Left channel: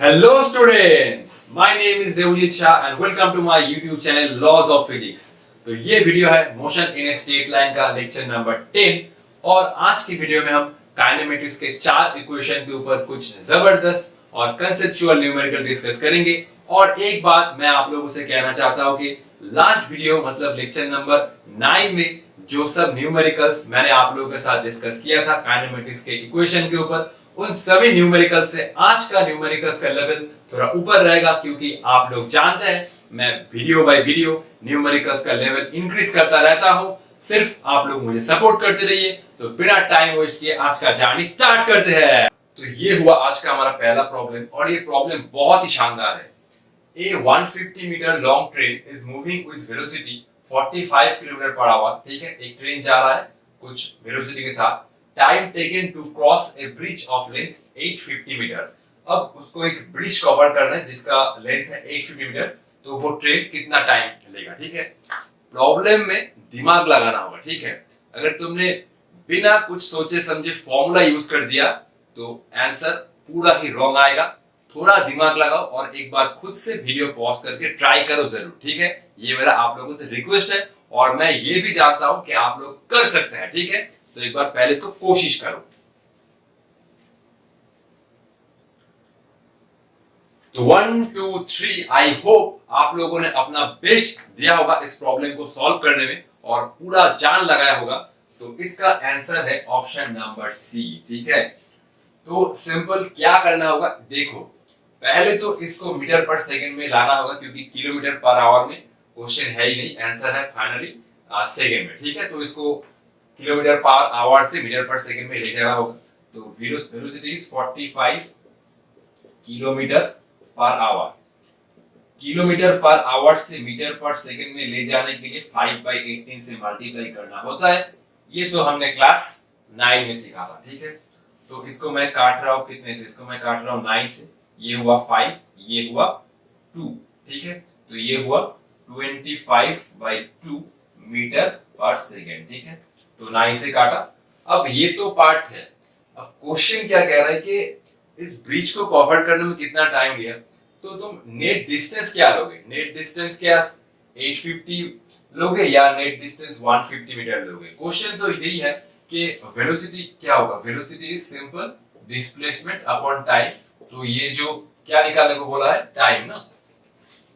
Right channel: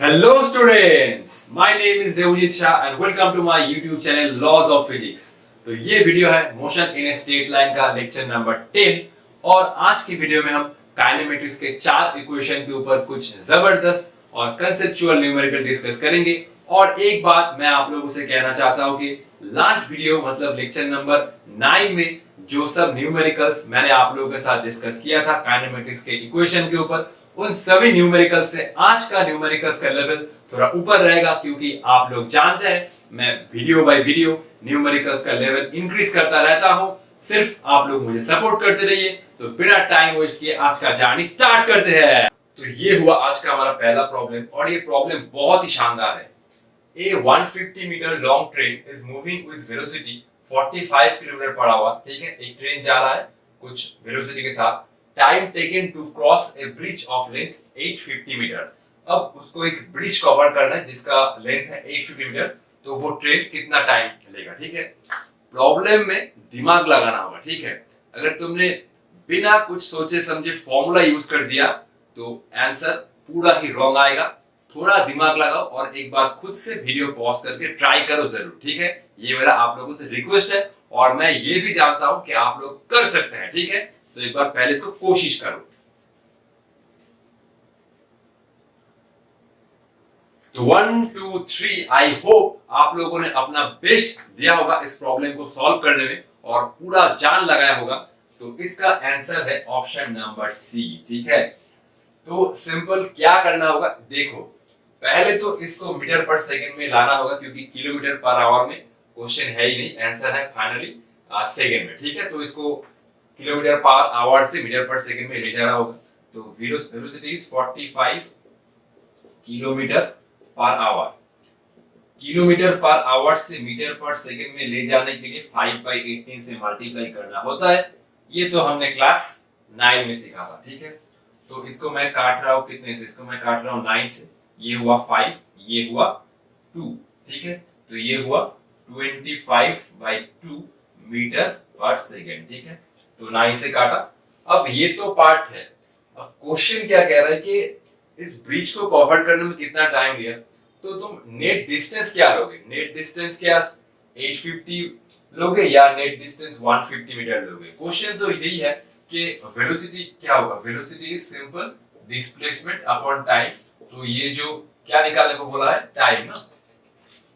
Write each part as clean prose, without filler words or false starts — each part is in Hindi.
Hello students, my name is Devjit Shah and welcome to my YouTube channel Laws of Physics। तो ये वीडियो है motion in a straight line का लेक्चर नंबर 10 और आज की वीडियो में हम काइनेमेटिक्स के चार इक्वेशन के ऊपर कुछ जबरदस्त और कंसेप्चुअल न्यूमेरिकल डिस्कस करेंगे। और एक बात मैं आप लोगों से कहना चाहता हूं कि लास्ट वीडियो मतलब लेक्चर नंबर 9 में जो सब न्यूमेरिकल्स मैंने आप लोगों के साथ डिस्कस किया था काइनेमेटिक्स के इक्वेशन के ऊपर, उन सभी न्यूमेरिकल्स से आज का न्यूमेरिकल्स का लेवल थोड़ा ऊपर रहेगा, क्योंकि आप लोग जानते हैं मैं वीडियो बाय वीडियो न्यूमेरिकल्स का लेवल इंक्रीज करता रहता हूं। सिर्फ आप लोग मुझे सपोर्ट करते रहिए। तो बिना टाइम वेस्ट किए आज का जर्नी स्टार्ट करते हैं। तो ये हुआ आज का हमारा पहला प्रॉब्लम और ये प्रॉब्लम बहुत ही शानदार है। A 150 metre long train is moving with velocity 45 kilometre per hour. ठीक है, एक ट्रेन जा रहा है कुछ वेलोसिटी के साथ। Time taken to cross a bridge of length 850 metre. अब उसको एक ब्रिज कवर करना है जिसका लेंथ है 850 मीटर। तो वो ट्रेन कितना टाइम लेगा? ठीक है, प्रॉब्लम में दिमाग लगाना होगा। ठीक है, अगर तुमने बिना कुछ सोचे समझे फॉर्मूला यूज कर दिया तो आंसर पूरा ही रॉन्ग आएगा। थोड़ा दिमाग लगाओ और एक बार खुद से वीडियो पॉज करके ट्राई करो जरूर। ठीक है, ये मेरा आप लोगों से रिक्वेस्ट है और मैं ये भी जानता हूं कि आप लोग कर सकते हैं। ठीक है, तो एक बार पहले इसको कोशिश करो। तो 1 2 3 आई होप आप लोगों ने अपना बेस्ट दिया होगा इस प्रॉब्लम को सॉल्व करने में और पूरा जान लगाया होगा। तो इसका आंसर है ऑप्शन नंबर सी। ठीक है, तो सिंपल क्या करना होगा, देखो पहले तो इसको मीटर पर सेकंड में लाना होगा क्योंकि किलोमीटर पर आवर में क्वेश्चन है ही नहीं, आंसर है फाइनली सेकंड में। ठीक है, तो इसको किलोमीटर पर आवर से मीटर पर सेकंड में ले जाना होगा। तो velocity is 45 kilometre per our. Kilometre per our से मीटर पर सेकंड में ले जाने के लिए 5/18 से मल्टीप्लाई करना होता है। ये तो हमने क्लास 9 में सीखा था। ठीक है, तो इसको मैं काट रहा हूं कितने से? इसको मैं काट रहा हूं 9 से। ये हुआ 5, ये हुआ 2। ठीक है, तो ये हुआ 25/2 मीटर पर सेकंड। ठीक है, तो 9 से काटा। अब ये तो पार्ट है। अब क्वेश्चन क्या कह रहा है कि इस ब्रिज को कवर करने में कितना टाइम लिया। तो तुम नेट डिस्टेंस क्या लोगे? नेट डिस्टेंस क्या 850 लोगे या नेट डिस्टेंस 150 मीटर लोगे? क्वेश्चन तो यही है कि वेलोसिटी क्या होगा। Velocity is simple displacement upon time. तो ये जो क्या निकालने को बोला है, टाइम ना।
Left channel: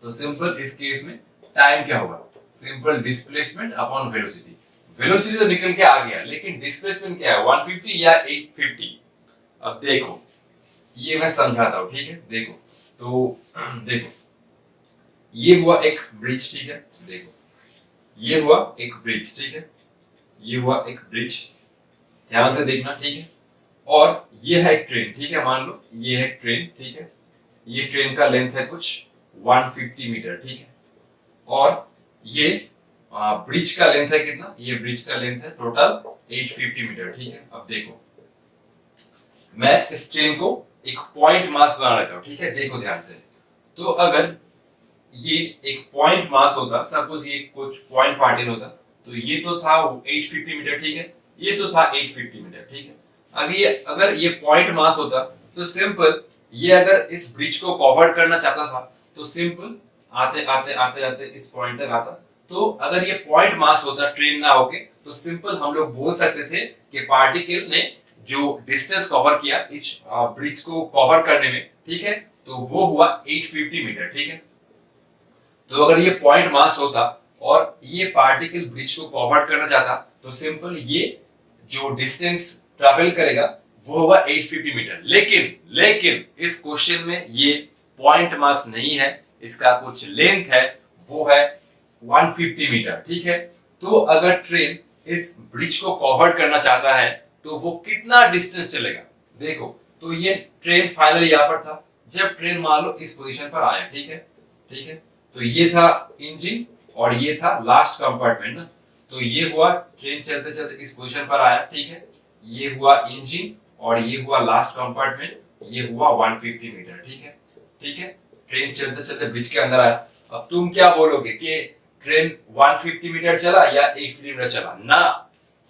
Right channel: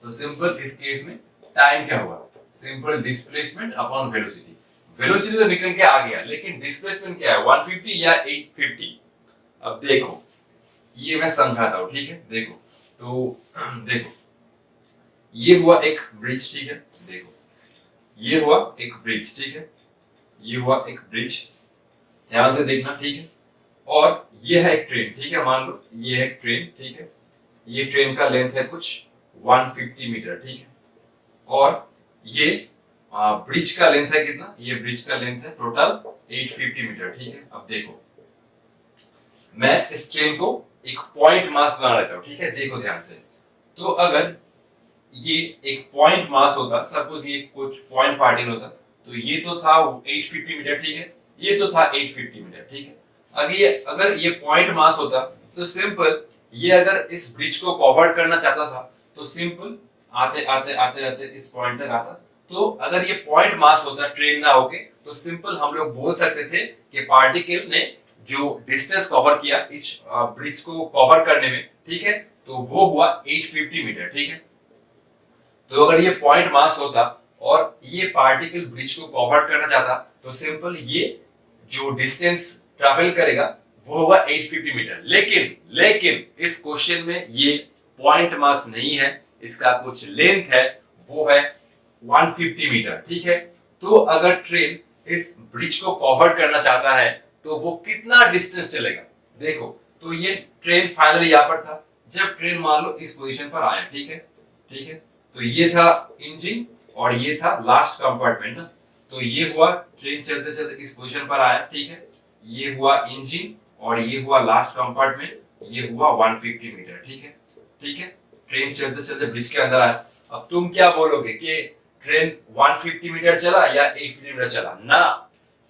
तो सिंपल इस केस में टाइम क्या होगा? Simple displacement upon velocity. Velocity तो निकल के आ गया, लेकिन डिस्प्लेसमेंट क्या है, 150 या 850? अब देखो ये मैं समझाता हूं। ठीक है, देखो तो देखो ये हुआ एक ब्रिज। ठीक है, देखो ये हुआ एक ब्रिज। ठीक है, ये हुआ एक ब्रिज, ध्यान से देखना। ठीक है, और ये है एक ट्रेन। ठीक है, मान लो ये है ट्रेन। ठीक है, ये ट्रेन का लेंथ है कुछ 150 मीटर। ठीक है, और ये ब्रिज का लेंथ है कितना? ये ब्रिज का लेंथ है टोटल 850 मीटर। ठीक है, अब देखो मैं इस ट्रेन को एक पॉइंट मास बना लेता हूं। ठीक है, देखो ध्यान से। तो अगर ये एक पॉइंट मास होता, सपोज ये कुछ पॉइंट पार्टिकल होता, तो ये तो था 850 मीटर। ठीक है, ये तो था 850 मीटर। ठीक है, अगर ये पॉइंट मास होता तो सिंपल ये अगर इस ब्रिज को कवर करना चाहता था तो सिंपल आते आते आते आते इस पॉइंट तक आता। तो अगर ये पॉइंट मास होता ट्रेन ना होके, तो सिंपल हम लोग बोल सकते थे कि पार्टिकल ने जो डिस्टेंस कवर किया इस ब्रिज को कवर करने में, ठीक है, तो वो हुआ 850 मीटर। ठीक है, तो अगर ये पॉइंट मास होता और ये पार्टिकल ब्रिज को कवर करना चाहता तो सिंपल ये जो डिस्टेंस ट्रैवल करेगा वो होगा 850 मीटर। लेकिन इस क्वेश्चन में ये पॉइंट मास नहीं है, इसका कुछ लेंथ है, वो है 150 मीटर। ठीक है, तो अगर ट्रेन इस ब्रिज को कवर करना चाहता है तो वो कितना डिस्टेंस चलेगा? देखो तो ये ट्रेन फाइनली यहां पर था। जब ट्रेन मान लो इस पोजीशन पर आया, ठीक है, ठीक है, तो ये था इंजन और ये था लास्ट कंपार्टमेंट ना। तो ये हुआ ट्रेन चलते चलते इस पोजीशन पर आया। ठीक है, ये हुआ इंजन और ये हुआ लास्ट कंपार्टमेंट, ये हुआ 150 मीटर। ठीक है, ठीक है, ट्रेन चलते चलते ब्रिज के अंदर आया। अब तुम क्या बोलोगे कि ट्रेन 150 मीटर चला या 850 मीटर चला? ना,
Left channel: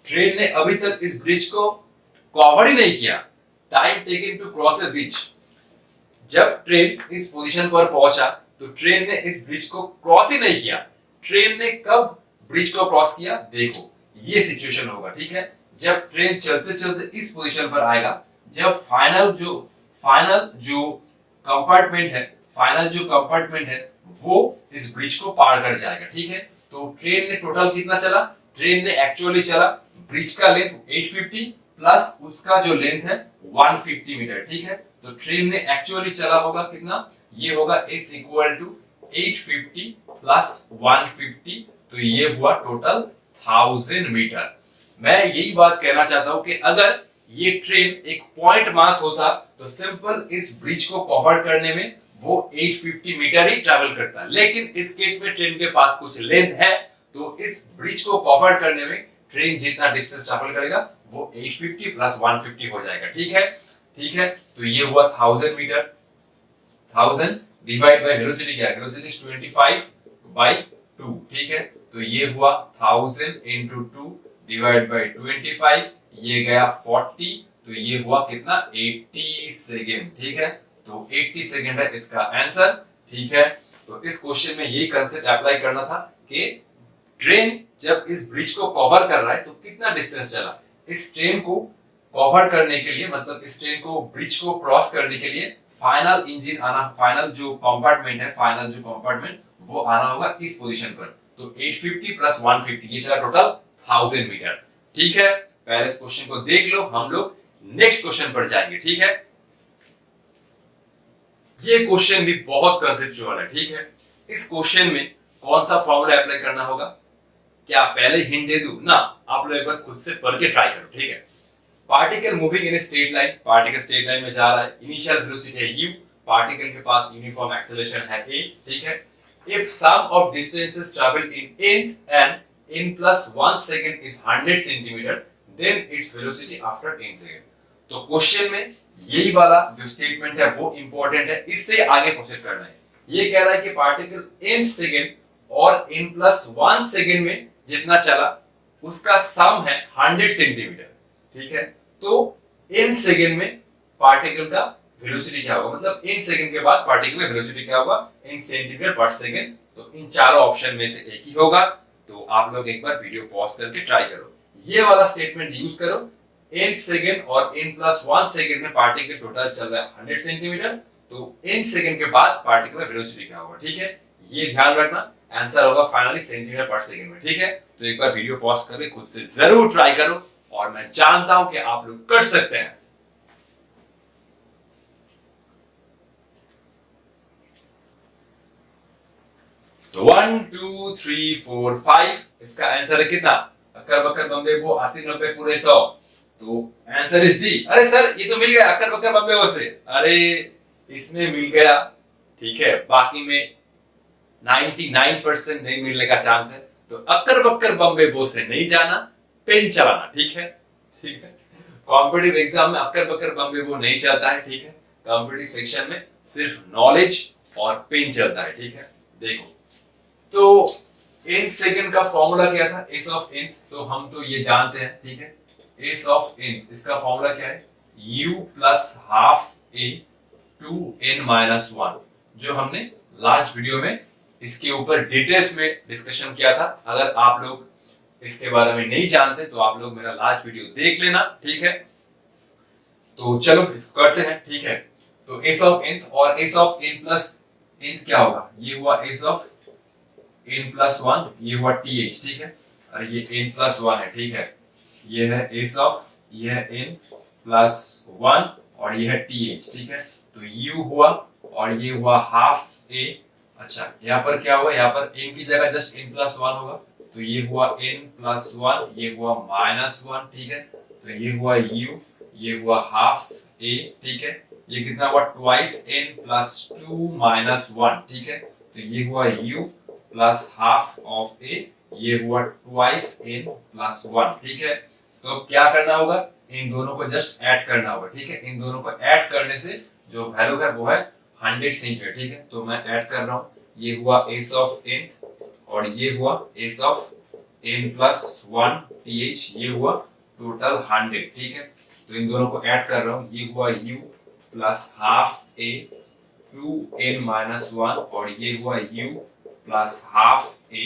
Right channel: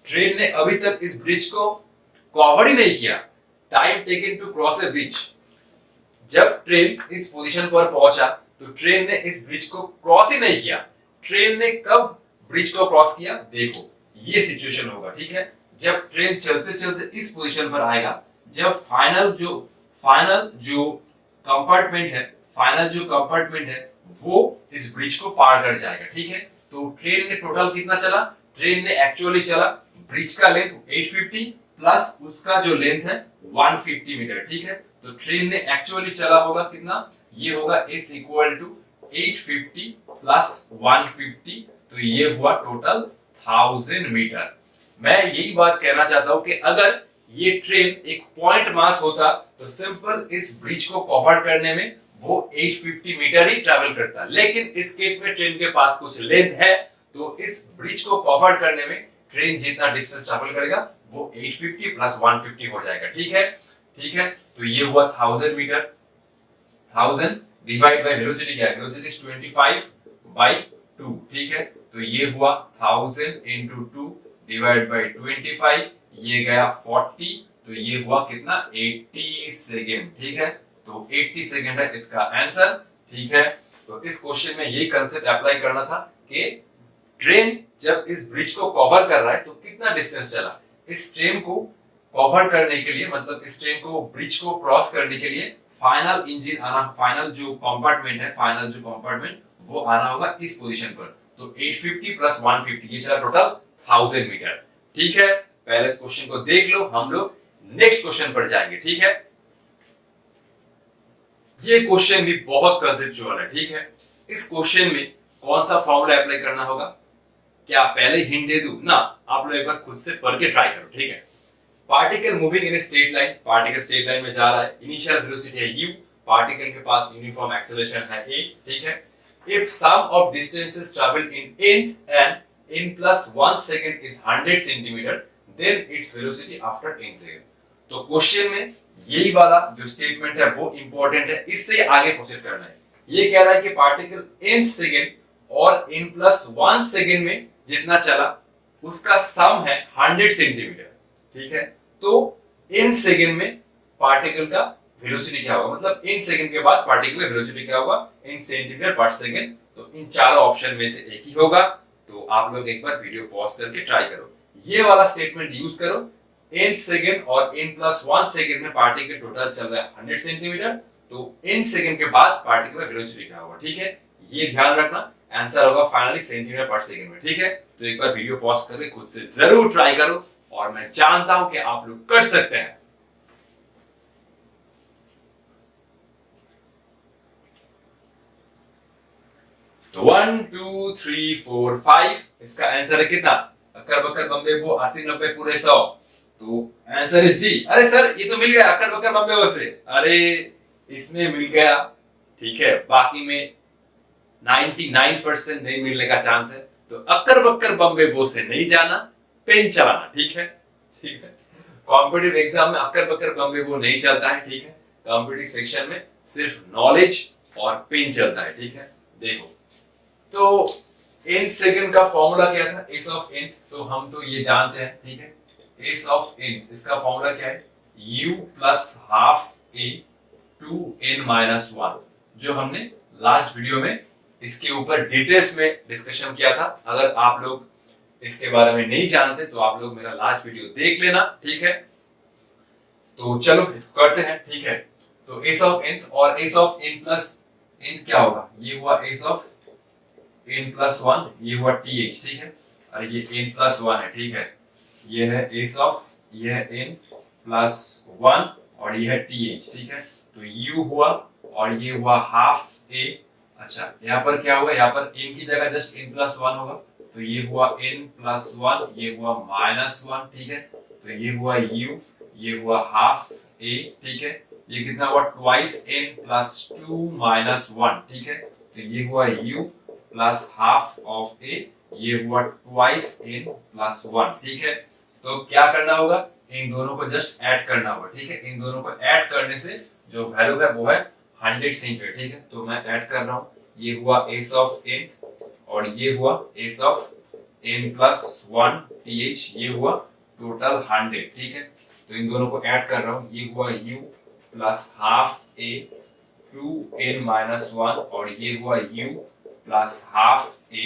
ट्रेन ने अभी तक इस ब्रिज को कवर ही नहीं किया। Time taken to cross a bridge, जब ट्रेन इस पोजीशन पर पहुंचा तो ट्रेन ने इस ब्रिज को क्रॉस ही नहीं किया। ट्रेन ने कब ब्रिज को क्रॉस किया, देखो ये सिचुएशन होगा, ठीक है। जब ट्रेन चलते चलते इस पोजीशन पर आएगा, जब फाइनल जो कंपार्टमेंट है वो इस ब्रिज को पार कर जाएगा, ठीक है। तो ट्रेन ने टोटल कितना चला, ट्रेन ने एक्चुअली चला ब्रिज का लेंथ 850 प्लस उसका जो लेंथ है 150 मीटर, ठीक है। तो ट्रेन ने एक्चुअली चला होगा कितना, ये होगा इज इक्वल टू 850 प्लस 150, तो ये हुआ टोटल 1000 मीटर। मैं यही बात कहना चाहता हूं कि अगर ये ट्रेन एक पॉइंट मास होता तो सिंपल इस ब्रिज को कवर करने में वो 850 मीटर ही ट्रैवल करता, लेकिन इस केस में ट्रेन के पास कुछ लेंथ है, तो इस ब्रिज को कवर करने में ट्रेन जितना डिस्टेंस ट्रैवल करेगा वो 850 प्लस 150 हो जाएगा, ठीक है। तो ये हुआ 1000 मीटर। 1000 डिवाइड बाय वेलोसिटी क्या है, वेलोसिटी इज 25/2, ठीक है। तो ये हुआ 1000 into 2 डिवाइड बाय 25, ये गया 40, तो ये हुआ कितना 80 सेकेंड, ठीक है। तो 80 सेकेंड है इसका आंसर, ठीक है। तो इस क्वेश्चन में यही कंसेप्ट अप्लाई करना था कि ट्रेन जब इस ब्रिज को कवर कर रहा है तो कितना डिस्टेंस चला। इस ट्रेन को कवर करने के लिए, मतलब इस ट्रेन को ब्रिज को क्रॉस करने के लिए फाइनल इंजन आना, फाइनल जो कंपार्टमेंट वो आना होगा इस पोजीशन पर। तो 850 प्लस 150 ये चला टोटल 1000 मीटर, ठीक है। पहले इस क्वेश्चन को देख लो, हम लोग नेक्स्ट क्वेश्चन पर जाएंगे, ठीक है। ये क्वेश्चन भी बहुत कंसेप्चुअल है, ठीक है। इस क्वेश्चन में कौन सा फॉर्मूला अप्लाई करना होगा, क्या पहले हिंट दे दूं ना, आप लोग एक बार खुद से पढ़ के ट्राई करो, ठीक है। Particle moving in straight line, particle straight line में जा रहा है, इनिशियल वेलोसिटी है u, पार्टिकल के पास यूनिफॉर्म एक्सेलरेशन है a, ठीक है। If sum of distances travelled in nth and n plus 1 second is 100 centimeter, then its velocity after n second। तो क्वेश्चन में यही वाला जो स्टेटमेंट है वो इंपॉर्टेंट है, इससे आगे प्रोसीड करना है। ये कह रहा है कि पार्टिकल n सेकेंड और n प्लस 1 सेकेंड में जितना चला उसका सम है 100 सेंटीमीटर, ठीक है। तो n सेकेंड में पार्टिकल का वेलोसिटी क्या होगा, मतलब n सेकेंड के बाद पार्टिकल का वेलोसिटी क्या होगा, n सेंटीमीटर पर सेकेंड। तो इन चारों ऑप्शन में से एक ही होगा। तो आप लोग एक बार वीडियो पॉज करके ट्राई करो, ये वाला स्टेटमेंट यूज करो। n सेकेंड और n प्लस 1 सेकेंड में पार्टिकल टोटल चल रहा है 100 सेंटीमीटर, तो n सेकेंड के बाद पार्टिकल का वेलोसिटी क्या होगा, ठीक है। ये ध्यान रखना, आंसर होगा फाइनली सेंटीमीटर पर सेकेंड में, ठीक है। तो एक बार वीडियो पॉज करके खुद से जरूर ट्राई करो, और मैं जानता हूं कि आप लोग कर सकते हैं। तो 1 2 3 4 5 इसका आंसर है कितना, अक्कर बक्कर बम्बे वो 80 90 पूरे 100, तो आंसर इज डी। अरे सर ये तो मिल गया अक्कर बक्कर बम्बे वो से, अरे इसमें मिल गया, ठीक है। बाकी में 99% नहीं मिलने का चांस है। तो अक्कर बक्कर बम्बे वो से नहीं जाना, पेन चलाना, ठीक है, ठीक है। कॉम्पिटिटिव एग्जाम में अक्कर बक्कर बम्बे वो नहीं चलता है, ठीक है। कॉम्पिटिटिव सेक्शन में सिर्फ नॉलेज और पेन चलता है, ठीक है। देखो तो n सेकंड का फॉर्मूला क्या था, एस ऑफ n, तो हम तो ये जानते हैं, ठीक है। एस ऑफ n इसका फॉर्मूला क्या है, u plus half a two n minus 1, जो हमने लास्ट वीडियो में इसके ऊपर डिटेल्स में डिस्कशन किया था। अगर आप लोग इसके बारे में नहीं जानते तो आप लोग मेरा लास्ट वीडियो देख लेना, ठीक है। तो चलो इसको करते हैं, ठीक है। तो एस ऑफ n और S of n plus n क्या होगा, ये हुआ एस ऑफ n प्लस 1, ये हुआ th, ठीक है। और ये n प्लस 1 है, ठीक है। ये है एस ऑफ, ये है n प्लस 1 और ये है th, ठीक है। तो u हुआ और ये हुआ हाफ a। अच्छा यहाँ पर क्या होगा, यहाँ पर n की जगह जस्ट n प्लस 1 होगा, तो ये हुआ n प्लस 1, ये हुआ माइनस 1, ठीक है। तो ये हुआ u, ये हुआ हाफ a, ठीक है। ये कितना हुआ ट्वाइस n प्लस 2 माइनस 1, ठीक है। तो ये हुआ u plus half of a, ये हुआ ट्वाइस n प्लस 1, ठीक है। तो क्या करना होगा, इन दोनों को जस्ट ऐड करना होगा, ठीक है। इन दोनों को ऐड करने से जो वैल्यू है वो है 100 सेंटीमीटर, ठीक है। तो मैं ऐड कर रहा हूँ, ये हुआ एस ऑफ n और ये हुआ S of n plus 1 th, ये हुआ टोटल 100, ठीक है। तो इन दोनों को ऐड कर रहा हूँ, ये हुआ u plus half a 2n-1 और ये हुआ u plus half a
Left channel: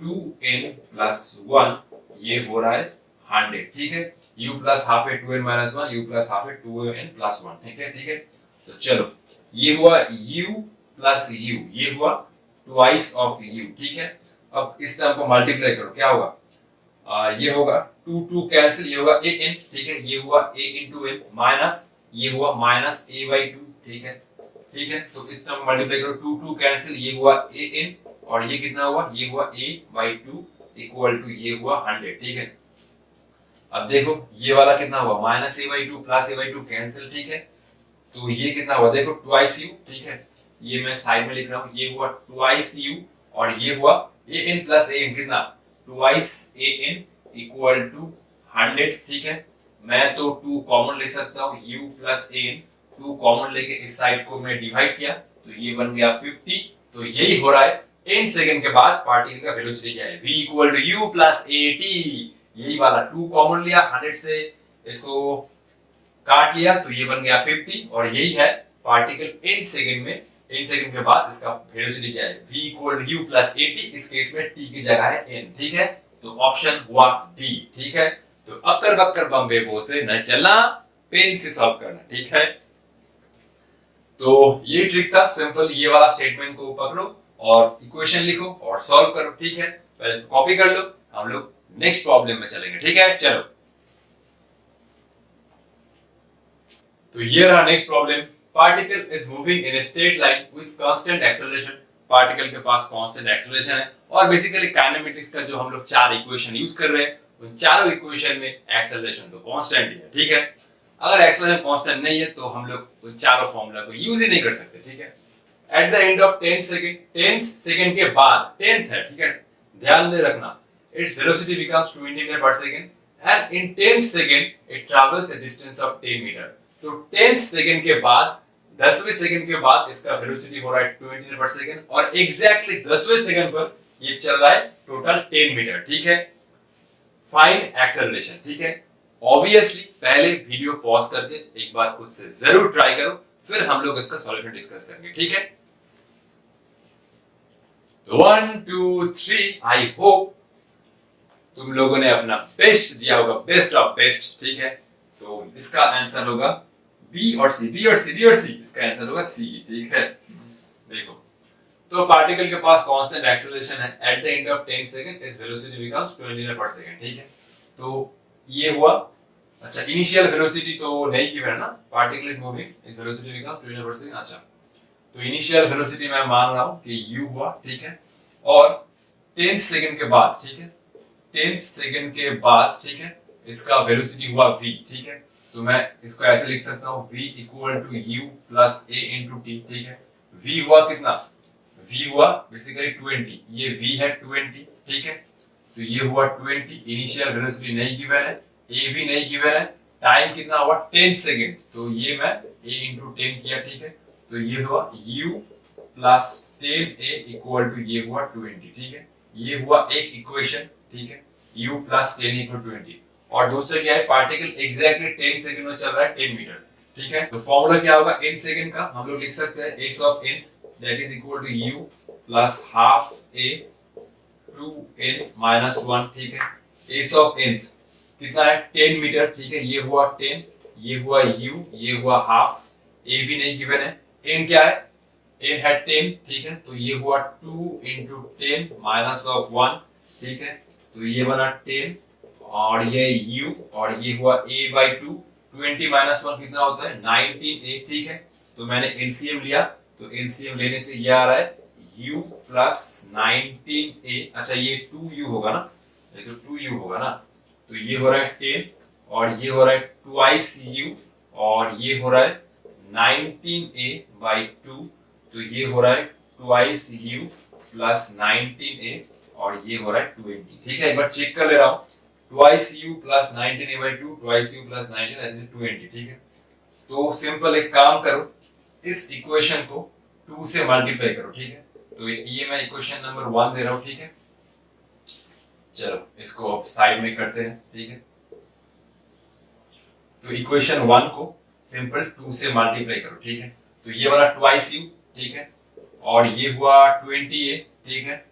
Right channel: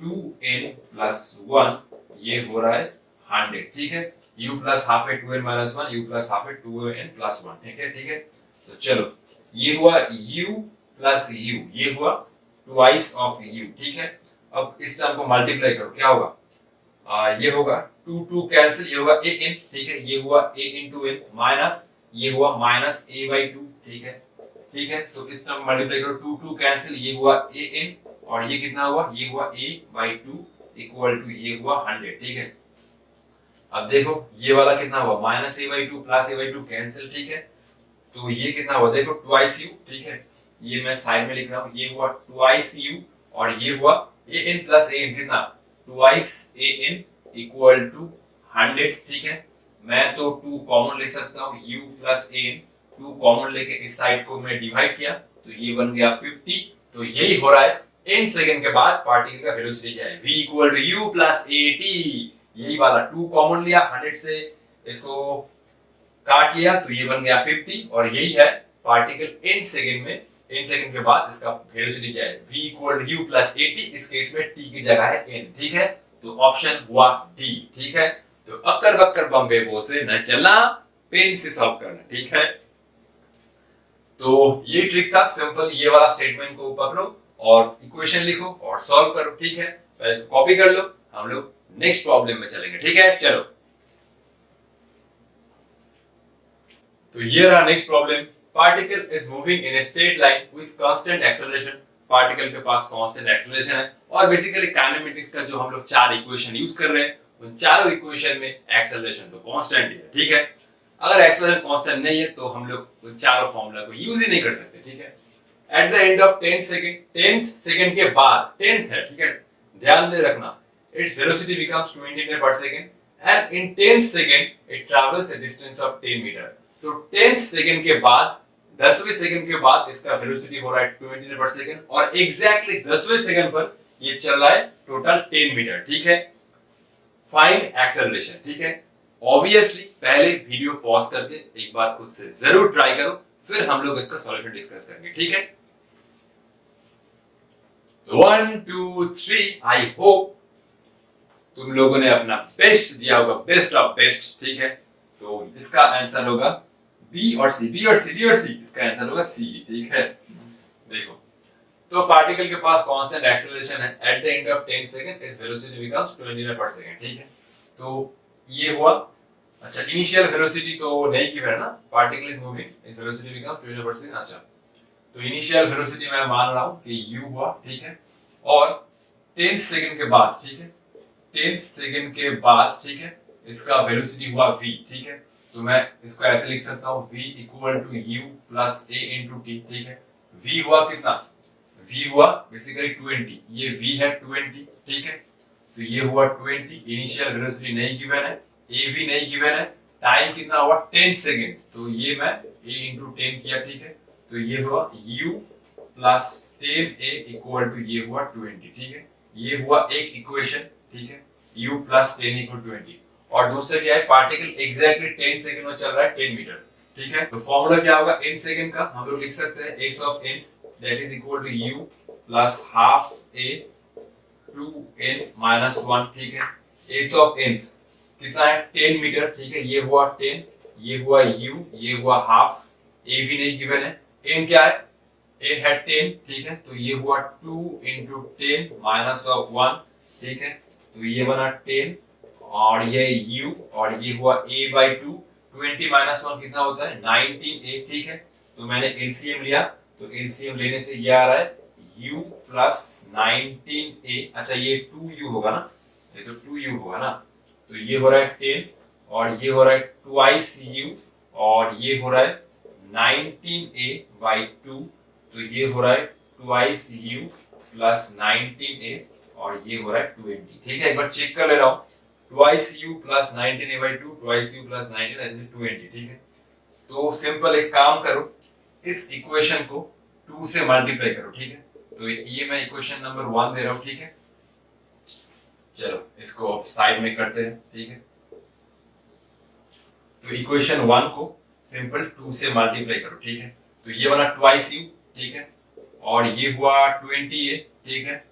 2n+1 ये हो रहा है 100, ठीक है। u प्लस हाफ है 2n-1, u प्लस हाफ है 2n+1, ठीक है, ठीक है। तो चलो ये हुआ u प्लस u, ये हुआ ट्वाइस ऑफ u, ठीक है। अब इस टर्म को मल्टीप्लाई करो, क्या होगा, ये होगा 2 कैंसिल, ये होगा an, ठीक है, ये हुआ a इंटू n माइनस ये हुआ माइनस a/2, ठीक है, ठीक है। तो इस टर्म मल्टीप्लाई करो, 2 कैंसिल, ये हुआ an और ये कितना हुआ, ये हुआ a/2 इक्वल टू ये हुआ 100, ठीक है। अब देखो ये वाला कितना हुआ, minus a/2 plus a/2 cancel, ठीक है। तो ये कितना हुआ, देखो ट्वाइस u, ठीक है, ये मैं साइड में लिख रहा हूँ, ये हुआ ट्वाइस u और ये हुआ an प्लस an कितना, ट्वाइस an इक्वल टू 100, ठीक है। मैं तो 2 कॉमन ले सकता हूँ, u प्लस an 2 कॉमन लेके इस साइड को मैं डिवाइड किया तो ये बन गया 50। तो यही हो रहा है n सेकंड के बाद पार्टिकल का वेलोसिटी क्या है, v equal to u plus at। यही वाला 2 कॉमन लिया, 100 से इसको काट लिया तो ये बन गया 50 और यही है पार्टिकल n सेकंड में, n सेकंड के बाद इसका वेलोसिटी क्या है, v equal to u plus at। इस केस में t की जगह है n, ठीक है। तो ऑप्शन हुआ डी, ठीक है। तो अक्कर बक्कर बम्बे बो से न चलना, पेन से सॉल्व करना, ठीक है। तो ये ट्रिक था सिंपल, ये वाला स्टेटमेंट को पकड़ो और इक्वेशन लिखो और सॉल्व करो, ठीक है। पहले इसको कॉपी कर लो, हम लोग नेक्स्ट प्रॉब्लम में चलेंगे, ठीक है। चलो तो ये रहा next problem. Particle is moving in a straight line with constant acceleration. Particle के पास कांस्टेंट एक्सेलरेशन है और बेसिकली काइनेमेटिक्स का जो हम लोग 4 इक्वेशन यूज कर रहे हैं उन चारों इक्वेशन में एक्सेलरेशन तो कांस्टेंट ही है, ठीक है। अगर एक्सेलरेशन कांस्टेंट नहीं है तो हम लोग उन चारों फॉर्मूला को यूज ही नहीं कर सकते, ठीक है। At the end of 10 second, 10th second के बाद 10th है, ठीक है, ध्यान में रखना, it's velocity becomes 20 metre per second and in 10th second it travels a distance of 10 metre. तो 10th सेकंड के बाद 10वें सेकंड के बाद इसका वेलोसिटी हो रहा है 20 मीटर पर सेकंड और एग्जैक्टली 10वें सेकंड पर ये चल रहा है टोटल 10 मीटर, ठीक है। फाइंड एक्सेलरेशन, ठीक है। ऑब्वियसली पहले वीडियो पॉज करके एक बार खुद से जरूर ट्राई करो, फिर हम लोग इसका सॉल्यूशन डिस्कस करेंगे, ठीक है। 1 2 3, आई होप तुम लोगों ने अपना बेस्ट दिया होगा, बेस्ट ऑफ बेस्ट, ठीक है। तो इसका आंसर होगा बी और सी, बी और सी, बी और सी, इसका आंसर होगा सी, ठीक है। देखो तो पार्टिकल के पास कांस्टेंट एक्सेलरेशन है, at the end of 10 second it's velocity becomes 20 metre per second, ठीक है। तो ये हुआ, अच्छा इनिशियल वेलोसिटी तो नहीं गिवन है ना, particle is moving its velocity becomes 20 metre per second. अच्छा तो इनिशियल वेलोसिटी मैं मान रहा हूं कि u हुआ, ठीक है, और 10 सेकंड के बाद, ठीक है, 10 सेकंड के बाद, ठीक है, इसका वेलोसिटी हुआ v, ठीक है। तो मैं इसको ऐसे लिख सकता हूं v equal to u plus a into t, ठीक है। v हुआ कितना, v हुआ बेसिकली 20, ये v है 20, ठीक है। तो ये हुआ 20, इनिशियल वेलोसिटी नहीं गिवन है, a भी नहीं गिवन है, टाइम कितना हुआ 10 सेकंड, तो ये मैं a इंटू 10 किया, ठीक है। तो ये हुआ u plus 10a equal to ये हुआ 20, ठीक है। ये हुआ एक इक्वेशन, ठीक है, u प्लस 10 इक्वल 20 और दूसरा क्या है, पार्टिकल एग्जैक्टली 10 सेकंड में चल रहा है 10 मीटर, ठीक है। तो फॉर्मूला क्या होगा n सेकंड का, हम लोग लिख सकते हैं s of n that is equal to u plus half a 2n minus 1, ठीक है। s ऑफ n कितना है 10 मीटर, ठीक है, ये हुआ 10, ये हुआ u, ये हुआ हाफ, a भी नहीं गिवन है, n क्या है, n है 10, ठीक है। तो ये हुआ 2 इंटू 10 माइनस ऑफ 1, ठीक है। तो ये बना 10 और ये u और ये हुआ a/2, 20 माइनस 1 कितना होता है 19a, ठीक है। तो मैंने एलसीएम लिया, तो एलसीएम लेने से ये आ रहा है u प्लस 19a, अच्छा ये 2u होगा ना, ये तो 2u होगा ना, तो ये हो रहा है 10 और ये हो रहा है ट्वाइस u और ये हो रहा है 19a/2, तो ये हो रहा है ट्वाइस u प्लस 19a और ये हो रहा है 20, ठीक है। एक बार चेक कर ले रहा हूँ, twice u plus 19a/2, twice u plus 19 that is 20, ठीक है। तो सिंपल एक काम करो, इस इक्वेशन को 2 से मल्टीप्लाई करो, ठीक है। तो ये मैं इक्वेशन नंबर 1 दे रहा हूँ, ठीक है। चलो इसको अब साइड में करते हैं, ठीक है। तो इक्वेशन 1 को सिंपल 2 से मल्टीप्लाई करो, ठीक है। तो ये वाला ट्वाइस यू, ठीक है, और ये हुआ 20a, ठीक है,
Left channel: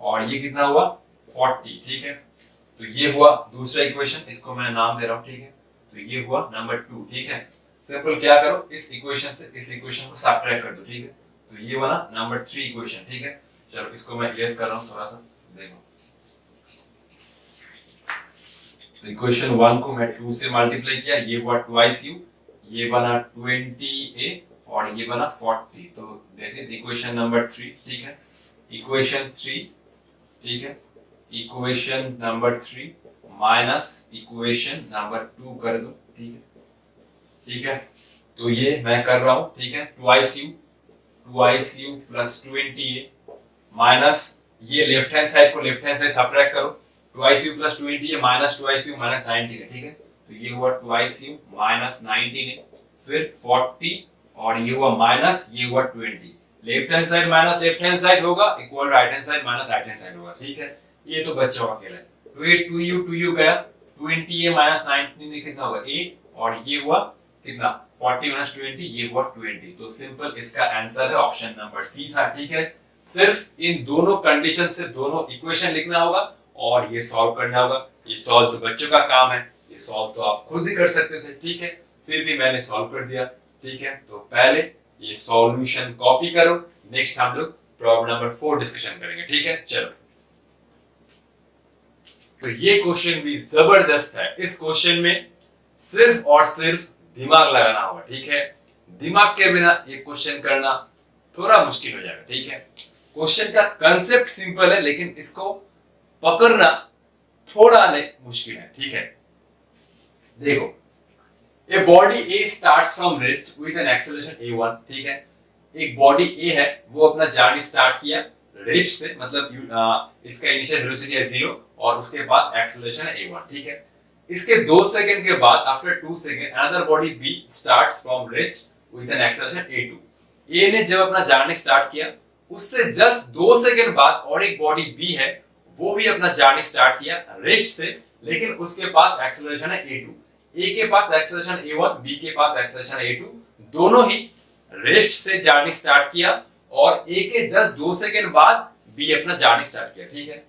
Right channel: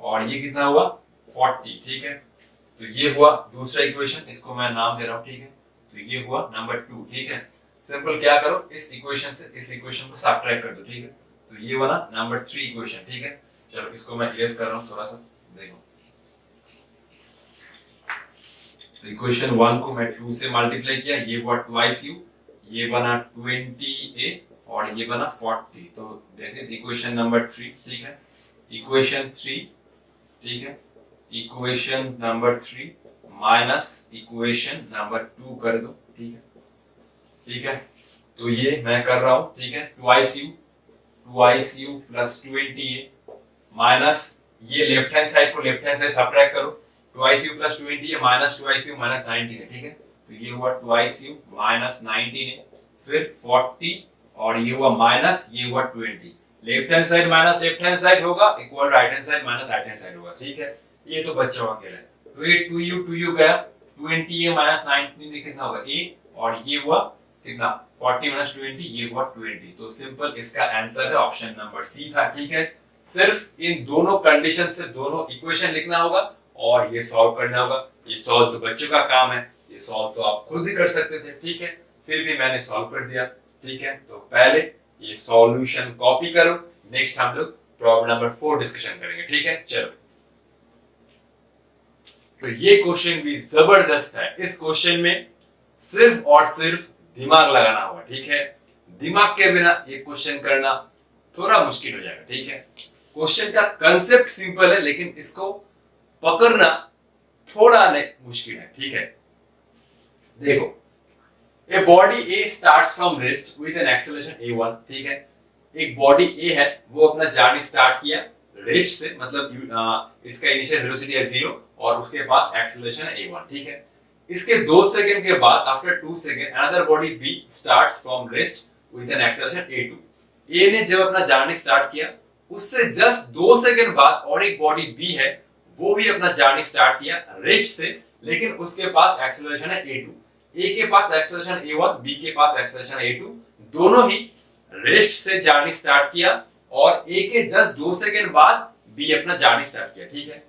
और ये कितना हुआ 40, ठीक है। तो ये हुआ दूसरा इक्वेशन, इसको मैं नाम दे रहा हूं, ठीक है। तो ये हुआ नंबर 2, ठीक है। सिंपल क्या करो, इस इक्वेशन से इस इक्वेशन को सब्ट्रैक्ट कर दो, ठीक है। तो ये वाला नंबर 3 इक्वेशन, ठीक है। चलो इसको मैं इरेज कर रहा हूं थोड़ा सा, देखो। तो इक्वेशन 1 को मैं 2 से मल्टीप्लाई किया, ये हुआ ट्वाइस यू, ये बना 20a और ये बना 40। तो दिस इज इक्वेशन नंबर 3, ठीक है। इक्वेशन 3, ठीक है, equation number 3 minus equation number 2 कर दो, ठीक है, ठीक है। तो ये मैं कर रहा हूं, ठीक है, twice you plus 20a minus ये लेफ्ट हैंड साइड को लेफ्ट हैंड साइड सब्ट्रैक्ट करो, twice you plus 20a minus twice you minus 19 है, ठीक है। तो ये हुआ ट्वाइस यू माइनस 19 है, फिर 40 और ये हुआ माइनस, ये हुआ 20। Left hand side minus left hand side होगा equal right hand side minus right hand side होगा, ठीक है। ये तो बच्चों का खेल है। तो ये 2u गया, 20a माइनस 19 कितना होगा a, और ये हुआ कितना 40 माइनस 20, ये हुआ 20। तो सिंपल इसका आंसर है ऑप्शन नंबर सी था, ठीक है। सिर्फ इन दोनों कंडीशन से दोनों इक्वेशन लिखना होगा और ये सॉल्व करना होगा। ये सॉल्व तो बच्चों का काम है, ये सॉल्व तो आप खुद ही कर सकते थे, ठीक है। फिर भी मैंने सॉल्व कर दिया, ठीक है। तो पहले ये सॉल्यूशन कॉपी करो, नेक्स्ट हम लोग प्रॉब्लम नंबर 4 डिस्कशन करेंगे, ठीक है। चलो, तो ये क्वेश्चन भी जबरदस्त है। इस क्वेश्चन में सिर्फ और सिर्फ दिमाग लगाना होगा, ठीक है। दिमाग के बिना ये क्वेश्चन करना थोड़ा मुश्किल हो जाएगा, ठीक है। क्वेश्चन का कंसेप्ट सिंपल है लेकिन इसको पकड़ना थोड़ा मुश्किल है, ठीक है। देखो, a body A starts from rest with an acceleration a1, ठीक है। एक बॉडी ए है, वो अपना जर्नी स्टार्ट किया रेस्ट से, मतलब इसका इनिशियल वेलोसिटी है 0 और उसके पास एक्सेलरेशन है a1, ठीक है। इसके 2 सेकंड के बाद after 2 second another body B starts from rest with an acceleration a2। A ने जब अपना जर्नी स्टार्ट किया उससे जस्ट 2 सेकंड बाद और एक बॉडी बी है, वो भी अपना जर्नी स्टार्ट किया रेस्ट से, लेकिन उसके पास एक्सेलरेशन है a2। ए के पास एक्सेलरेशन a1, बी के पास एक्सेलरेशन a2, दोनों ही रेस्ट से जर्नी स्टार्ट किया और ए के जस्ट 2 सेकंड बाद बी अपना जर्नी स्टार्ट किया, ठीक है।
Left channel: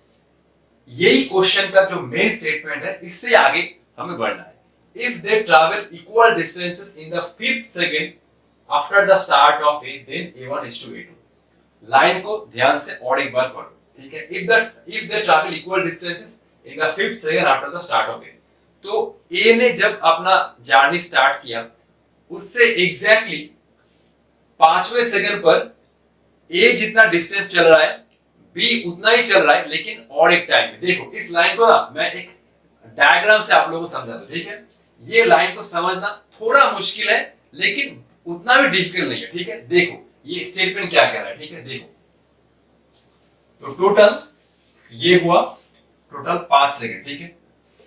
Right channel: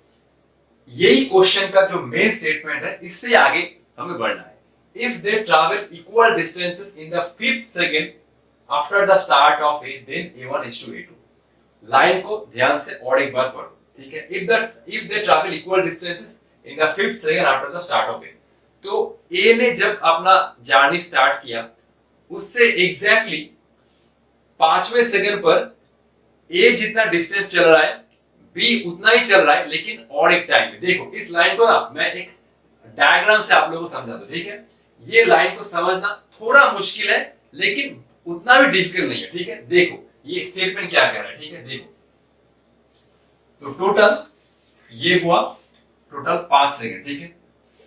यही क्वेश्चन का जो मेन स्टेटमेंट है, इससे आगे हमें बढ़ना है। If they travel equal distances in the 5th second after the start of A, then a1 is to a2। Line को ध्यान से और एक बार पढ़ो, ठीक है। If they travel equal distances in the 5th second after the start of A, तो ए ने जब अपना जर्नी स्टार्ट किया उससे एग्जैक्टली 5वें सेकंड पर ए जितना डिस्टेंस चल रहा है बी उतना ही चल रहा है, लेकिन और एक टाइम में। देखो, इस लाइन को ना मैं एक डायग्राम से आप लोगों को समझा दूं, ठीक है। ये लाइन को समझना थोड़ा मुश्किल है लेकिन उतना भी डिफिकल्ट नहीं है, ठीक है। देखो ये स्टेटमेंट क्या कह रहा है, ठीक है। देखो, तो टोटल ये हुआ टोटल 5 सेकंड, ठीक है।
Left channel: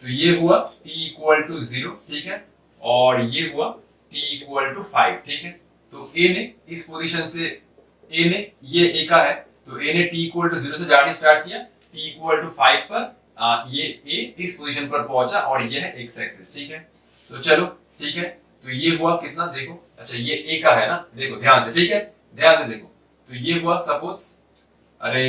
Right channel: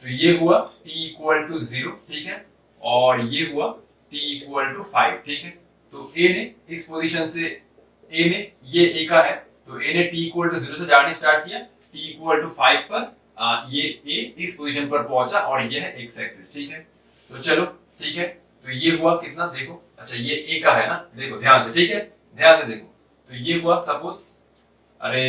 तो ये हुआ t इक्वल टू 0, ठीक है, और ये हुआ t इक्वल टू 5, ठीक है। तो a ने इस पोजीशन से a ने ये a का है, तो a ने t इक्वल टू 0 से जर्नी स्टार्ट किया, t इक्वल टू 5 पर ये a इस पोजीशन पर पहुंचा और ये है x एक्सिस, ठीक है। तो चलो, ठीक है। तो ये हुआ कितना, देखो, अच्छा ये a का है ना, देखो ध्यान से, ठीक है, ध्यान से देखो। तो ये हुआ सपोज, अरे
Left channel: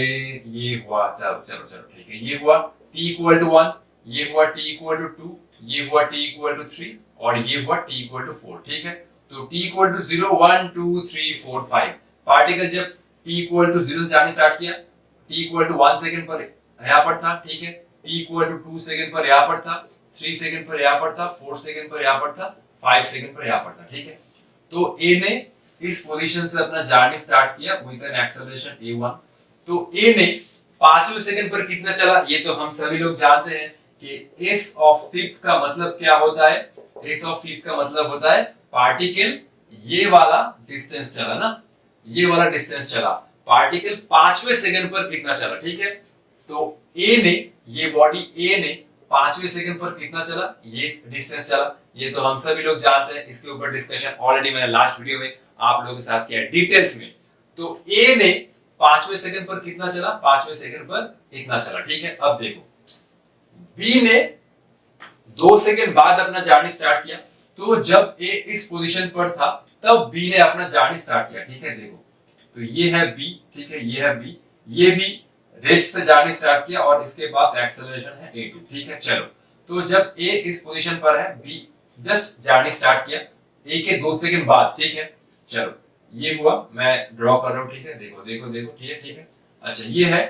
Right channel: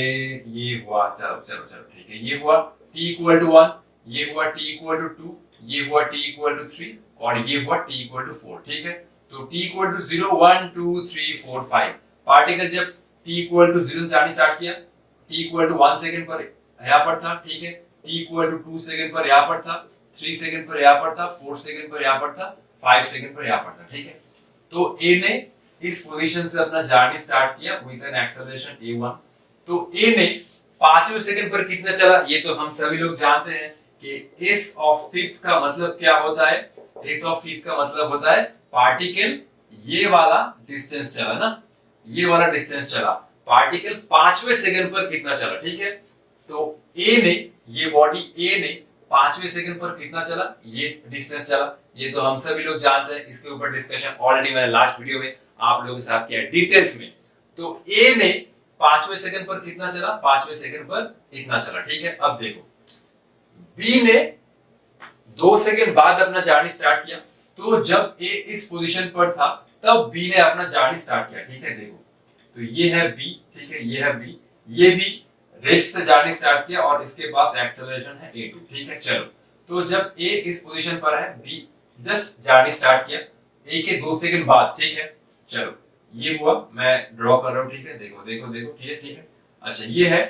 ये हुआ, चलो चलो चलो, ठीक है, ये हुआ t इक्वल टू 1, ये हुआ t इक्वल टू 2, ये हुआ t इक्वल टू 3 और ये हुआ t इक्वल टू 4, ठीक है। तो t इक्वल टू 0 1 2 3 4 5 पार्टिकल जब t इक्वल टू 0 से जाने स्टार्ट किया, t इक्वल टू 1 सेकंड पर यहां पर था, ठीक है। t इक्वल टू 2 सेकंड पर यहां पर था, 3 सेकंड पर यहां पर था, 4 सेकंड पर यहां पर था, 5 सेकंड पर यहां पर था, ठीक है। तो a ने इस पोजीशन से अपना जर्नी स्टार्ट किया विद एन एक्सेलरेशन a1। तो a ने 5वें सेकंड पर कितना चला, ये तो हम सभी लोग जानते हैं कि s ऑफ 5th का मतलब क्या होता है। s ऑफ 5th का मतलब होता है पार्टिकल ये वाला डिस्टेंस चला ना, ये वाला डिस्टेंस चला, पार्टिकल 5वें सेकंड पर कितना चला, ठीक है। तो a ने, ये बॉडी a ने 5वें सेकंड पर कितना चला, ये डिस्टेंस चला, ये तो हम सभी लोग जानते हैं। इसके ऊपर डिस्कशन ऑलरेडी मैंने लास्ट वीडियो में आप लोगों के साथ किया डिटेल्स में। तो a ने 5वें सेकंड पर कितना चला, 5वें सेकंड पर इतना चला, ठीक है। अब देखो, बी ने 2 सेकंड बाद अपना जर्नी स्टार्ट किया, तो जब ए इस पोजीशन पर था तब बी ने अपना जर्नी स्टार्ट किया, ठीक है। देखो तो ये है बी, ठीक है, ये है बी, ये भी रेस्ट से जर्नी स्टार्ट किया और इसके पास एक्सेलरेशन है a2, ठीक है। चलो तो जब a इस पोजीशन पर है, b जस्ट जर्नी स्टार्ट किया a के 2 सेकंड बाद, ठीक है। चलो ये हुआ, मैं ड्रॉ कर रहा हूं, ठीक है। देखो देखो देखो, ठीक है, ठीक है। अच्छा ये है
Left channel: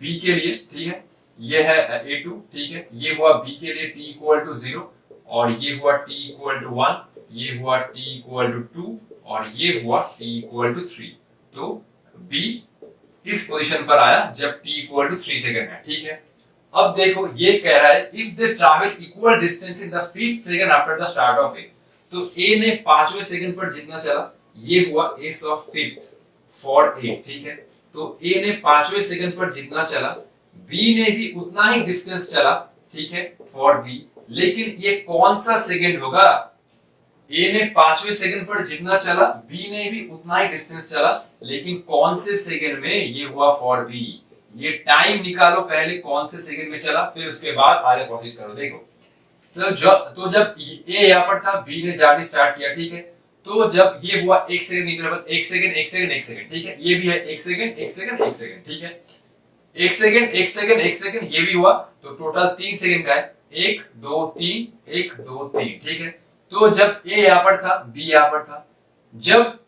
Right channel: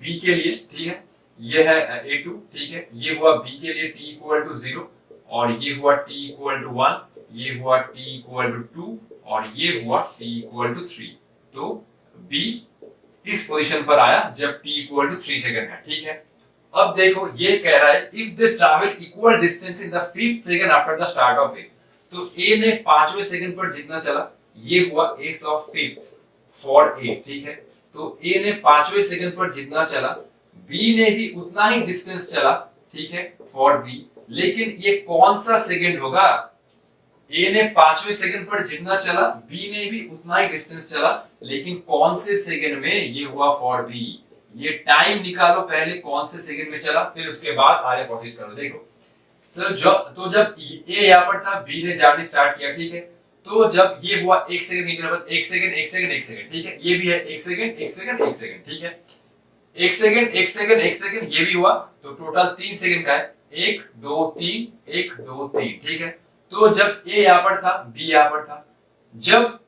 b के लिए, ठीक है, ये है a2, ठीक है। ये हुआ b के लिए t इक्वल टू 0 और ये हुआ t इक्वल टू 1, ये हुआ t इक्वल टू 2 और ये हुआ t इक्वल टू 3। तो b इस पोजीशन पर आया जब t इक्वल टू 3 सेकंड है, ठीक है। अब देखो ये कह रहा है if they travel equal distance in the 5th second after the start of A, तो a ने 5वें सेकंड पर जितना चला, ये हुआ S of 5th for a, ठीक है। तो a ने 5वें सेकंड पर जितना चला, b ने भी उतना ही डिस्टेंस चला, ठीक है, फॉर b। लेकिन ये कौन सा सेकंड होगा, a ने 5वें सेकंड पर जितना चला, b ने भी उतना ही डिस्टेंस चला, लेकिन कौन से सेकंड में, ये हुआ फॉर b। ये टाइम निकालो पहले कौन से सेकंड में चला, फिर उसके बाद आगे प्रोसीड करो। देखो तो जब a यहां पर था, b ने जर्नी स्टार्ट किया, ठीक है। तो जब ये हुआ 1 second interval, 1 second 1 second 1 second, ठीक है। ये भी है 1 सेकंड 1 सेकंड 1 सेकंड, ठीक है। 1 सेकंड 1 सेकंड 1 सेकंड, ये भी हुआ, तो टोटल 3 सेकंड का है, 1 2 3 1 2 3, ठीक है। तो जब a यहां पर था, b यहां पर था, जब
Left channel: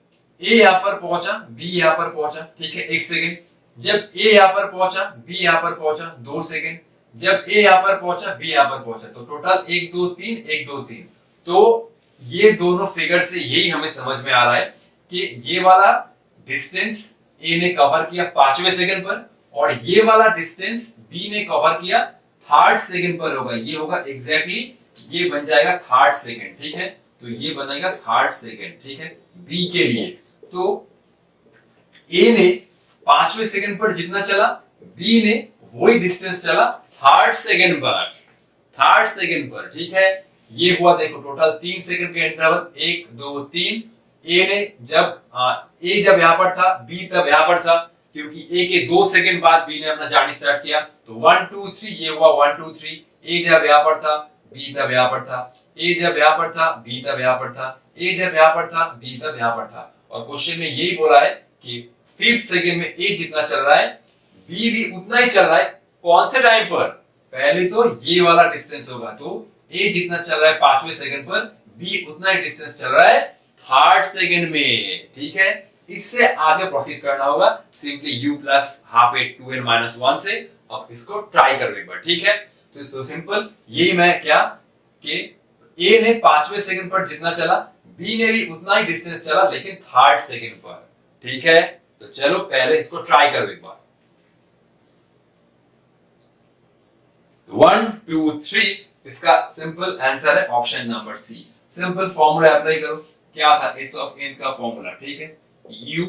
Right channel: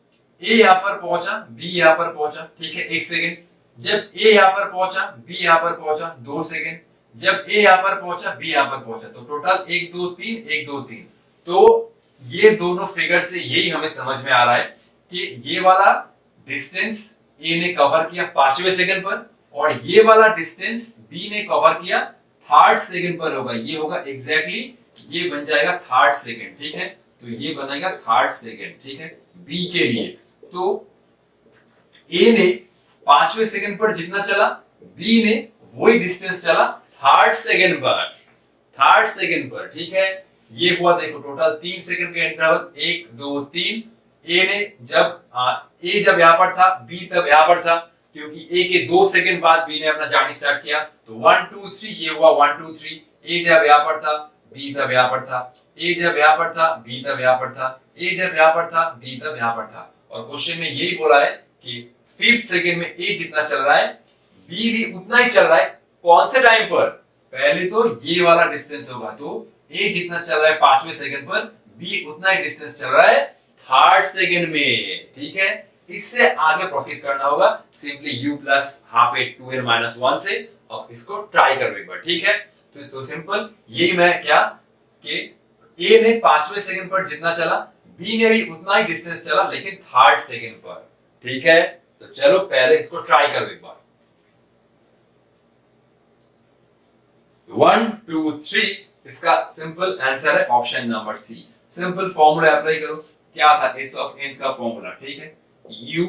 a यहां पर पहुंचा, b यहां पर पहुंचा, ठीक है, 1 सेकंड। जब a यहां पर पहुंचा, b यहां पर पहुंचा, 2 सेकंड। जब a यहां पर पहुंचा, b यहां पर पहुंचा, तो टोटल 1 2 3 1 2 3। तो ये दोनों फिगर से यही हमें समझ में आ रहा है कि ये वाला डिस्टेंस a ने कवर किया 5वें सेकंड पर और ये वाला डिस्टेंस b ने कवर किया 3rd सेकंड पर होगा। ये होगा एग्जैक्टली, ये बन जाएगा 3rd सेकंड, ठीक है। तो ये बनेगा 3rd सेकंड, ठीक है, b के लिए। तो a ने 5वें सेकंड पर जितना चला, b ने वही डिस्टेंस चला 3rd सेकंड पर, 3rd सेकंड पर, ठीक है। ये हुआ, देखो टोटल 3 सेकंड का इंटरवल, 1 2 3। a ने जब a जब यहां पर था, b तब यहां पर था, क्योंकि a के 2 सेकंड बाद b ने अपना जर्नी स्टार्ट किया, तो 1 2 3, ये हुआ 1 2 3। a जब यहां पर था, b तब यहां पर था, a जब यहां पर था, b तब यहां पर था, a जब यहां पर था, b तब यहां पर था। और क्वेश्चन में यही बोला है कि 5th सेकंड में a जितना चल रहा है, b भी उतना ही चल रहा है। कौन से टाइम पर, पहले तो ये वाला डिस्टेंस होगा, तो a जितना चल रहा है 5वें सेकंड पर, b उतना ही डिस्टेंस चल रहा है 3rd सेकंड में, ठीक है। इससे आगे प्रोसीड करना होगा सिंपली u प्लस हाफ ए 2n माइनस 1 से। अब इसको ट्राई करो एक बार, ठीक है। तो सो सिंपल, यही मैं क्या कि a ने 5वें सेकंड पर जितना चला, b ने भी उतना ही डिस्टेंस चला, लेकिन 3rd सेकंड पर, ठीक है। तो चलो पहले इसको ट्राई करो एक बार। 1 2 3, इसका सिंपल आंसर है option number C. Simple formula apply करो, क्या था s ऑफ n का फॉर्मूला, ठीक है, u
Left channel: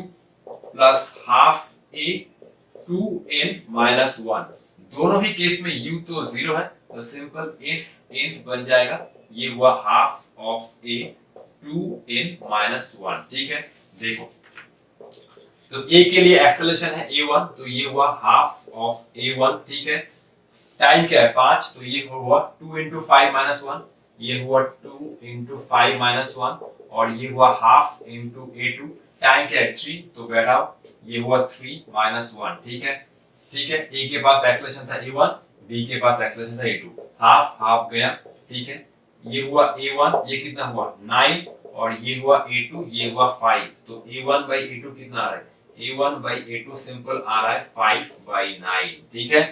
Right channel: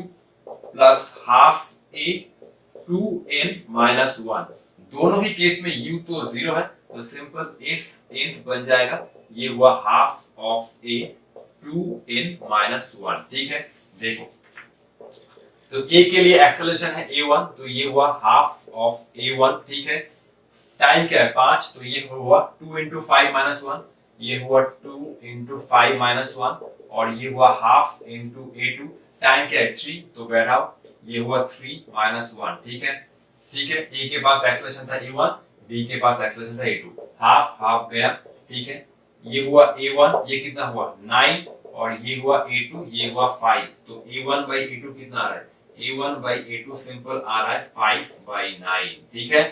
plus half a 2n minus 1। दोनों ही केस में u तो 0 है, तो सिंपल s n बन जाएगा, ये हुआ half of a 2n minus 1, ठीक है। देखो तो a के लिए एक्सेलरेशन है a1, तो ये हुआ हाफ ऑफ a1, ठीक है। टाइम क्या है 5, तो ये हुआ 2 इंटू 5 माइनस 1, ये हुआ 2 इंटू 5 माइनस 1 और ये हुआ हाफ इंटू a2। टाइम क्या है 3, तो बैठाओ, ये हुआ 3 माइनस 1, ठीक है, ठीक है। a के पास एक्सेलरेशन था a1, b के पास एक्सेलरेशन था a2, हाफ हाफ गया, ठीक है। ये हुआ a1, ये कितना हुआ 9 और ये हुआ a2, ये हुआ 5, तो a1 by a2 कितना आ रहा है, a1 by a2 सिंपल आ रहा है 5 by 9, ठीक है।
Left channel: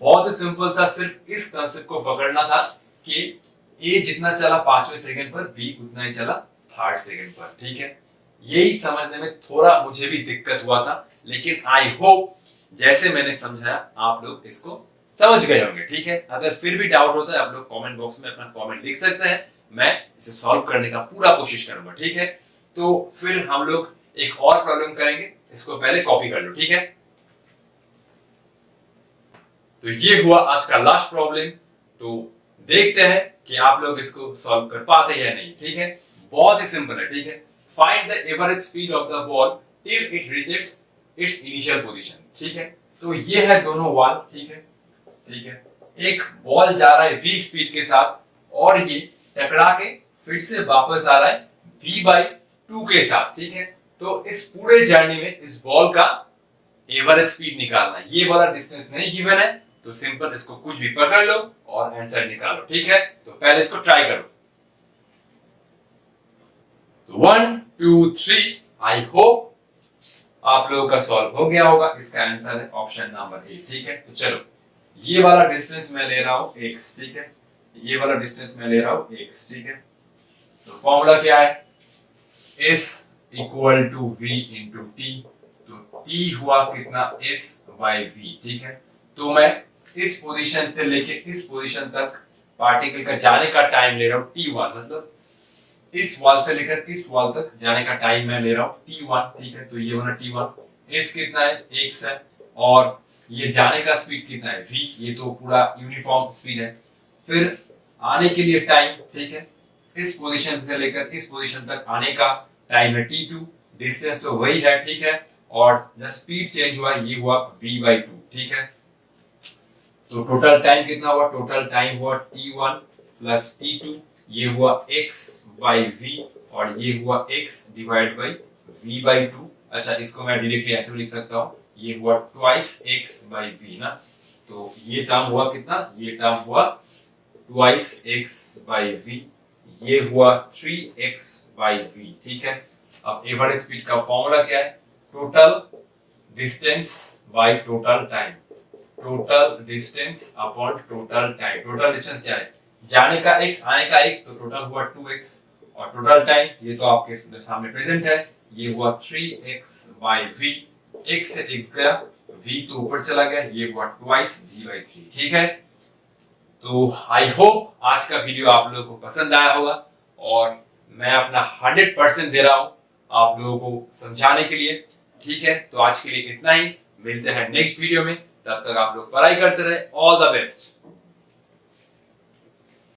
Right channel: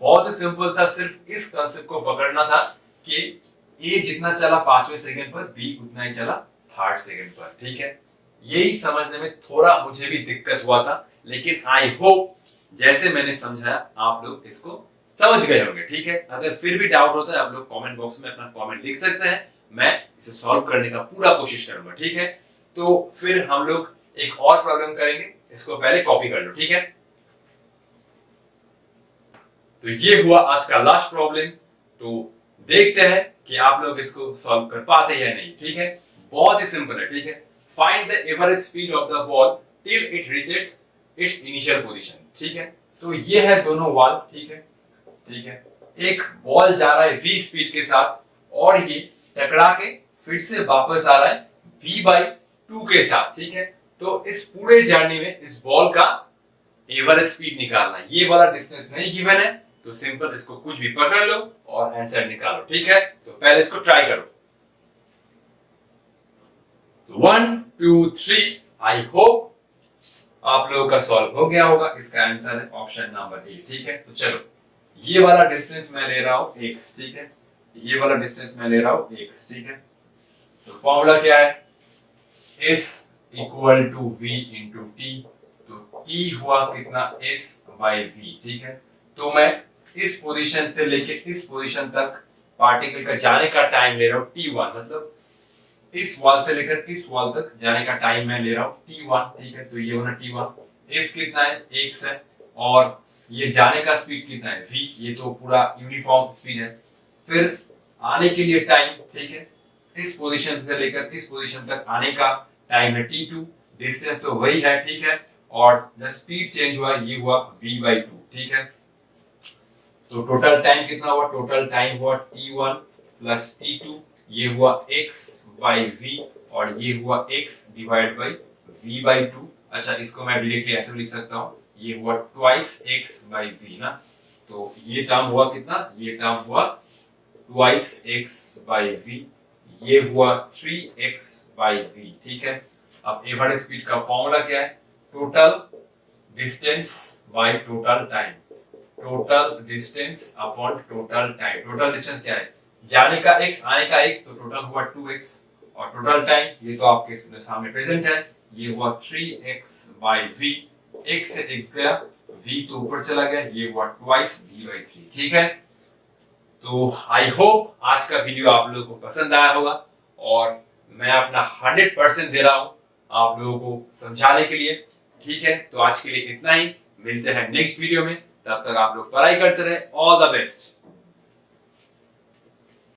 बहुत ही सिंपल था, सिर्फ इस कांसेप्ट को पकड़ना था कि a जितना चला 5वें सेकंड पर, b उतना ही चला 3rd सेकंड पर, ठीक है। यही समझने में थोड़ा मुझे भी दिक्कत हुआ था, लेकिन आई होप जैसे मैंने समझाया आप लोग इसको समझ गए होंगे, ठीक है। अगर फिर भी डाउट होता है आप लोग कमेंट बॉक्स में अपना कमेंट लिख सकते हैं, मैं इसे सॉल्व करने का पूरा कोशिश करूंगा, ठीक है। तो फिर हम लोग एक और प्रॉब्लम करेंगे, इसको पहले कॉपी कर लो, ठीक है। तो ये हुआ आज का लास्ट प्रॉब्लम, तो देखते हैं कि आप लोग इसको सॉल्व कर पाते हैं या नहीं, ठीक है। बहुत ही सिंपल है, ठीक है। Find the average speed of the ball till it reaches it's initial position, ठीक है। तो ये है दोनों वाल, ठीक है, ठीक है। एक बॉल जा रहा है v स्पीड के साथ और ये टकरा के फिर से वापस आ रहा है v by 2 के साथ, ठीक है। तो इस पूरे जर्नी में इस बॉल का ये वाला स्पीड निकालना है, ये वाला डिस्टेंस नहीं गिवन है, तो सिंपल इसको कुछ भी पकड़ लो और आंसर निकालो, ठीक है। तो पहले इसको ट्राई करो। तो 1 2 3, आई होप आप लोगों का सॉल्व हो गया होगा। इसका आंसर है ऑप्शन नंबर ए, ठीक है। तो चलो, ये वाला डिस्टेंस मैं ले रहा हूं x, ठीक है। ये वाला डिस्टेंस मैं ले रहा हूं x, ठीक है। तो फॉर्मूला क्या है, s equal to v into टी। तो t हुआ कितना, s बाई v, ठीक है। तो मैं इस पोजीशन से लेके इस पोजीशन तक पार्टिकल का जाने का टाइम ले रहा हूं t1, मतलब इस वॉल से लेकर इस वॉल तक जाने का टाइम मैं ले रहा हूं t1, ठीक है। तो ये वाला t1, s कितना है, x है, और ये जाने का स्पीड कितना है, v, ये तो पूरा यूनिफॉर्म स्पीड है। फिर आने के लिए टाइम, ठीक है, इस पोजीशन से लेकर इस पोजीशन तक आने का टाइम है t2, डिस्टेंस तो वही है, ठीक है। और जो स्पीड चेंज हुआ ये हुआ v/2, ठीक है। तो टोटल टाइम कितना हुआ, टोटल टाइम हुआ t1 प्लस t2, ये हुआ x/v, और ये हुआ x डिवाइड बाई v/2। अच्छा, इसको मैं डायरेक्टली ऐसे भी लिख सकता हूँ, ये हुआ ट्वाइस x/v ना। तो ये टर्म हुआ कितना, ये टर्म हुआ ट्वाइस x/v, ये हुआ 3x/v, ठीक है। अब एवरेज स्पीड का फॉर्मूला क्या है, total distance by total time, total distance upon total time. Total distance क्या है, जाने का x, आने का x, तो टोटल हुआ 2x, और टोटल टाइम ये तो आपके सामने प्रेजेंट है, ये हुआ 3x/v। x से x गया, v तो ऊपर चला गया, ये हुआ ट्वाइस v/3, ठीक है। तो आई होप आज का वीडियो आप लोगों को पसंद आया होगा, और मैं अपना 100% दे रहा हूं आप लोगों को समझाने के लिए, ठीक है। तो आज के लिए इतना ही, मिलते हैं नेक्स्ट वीडियो में, तब तक आप लोग पढ़ाई करते रहे। All the best.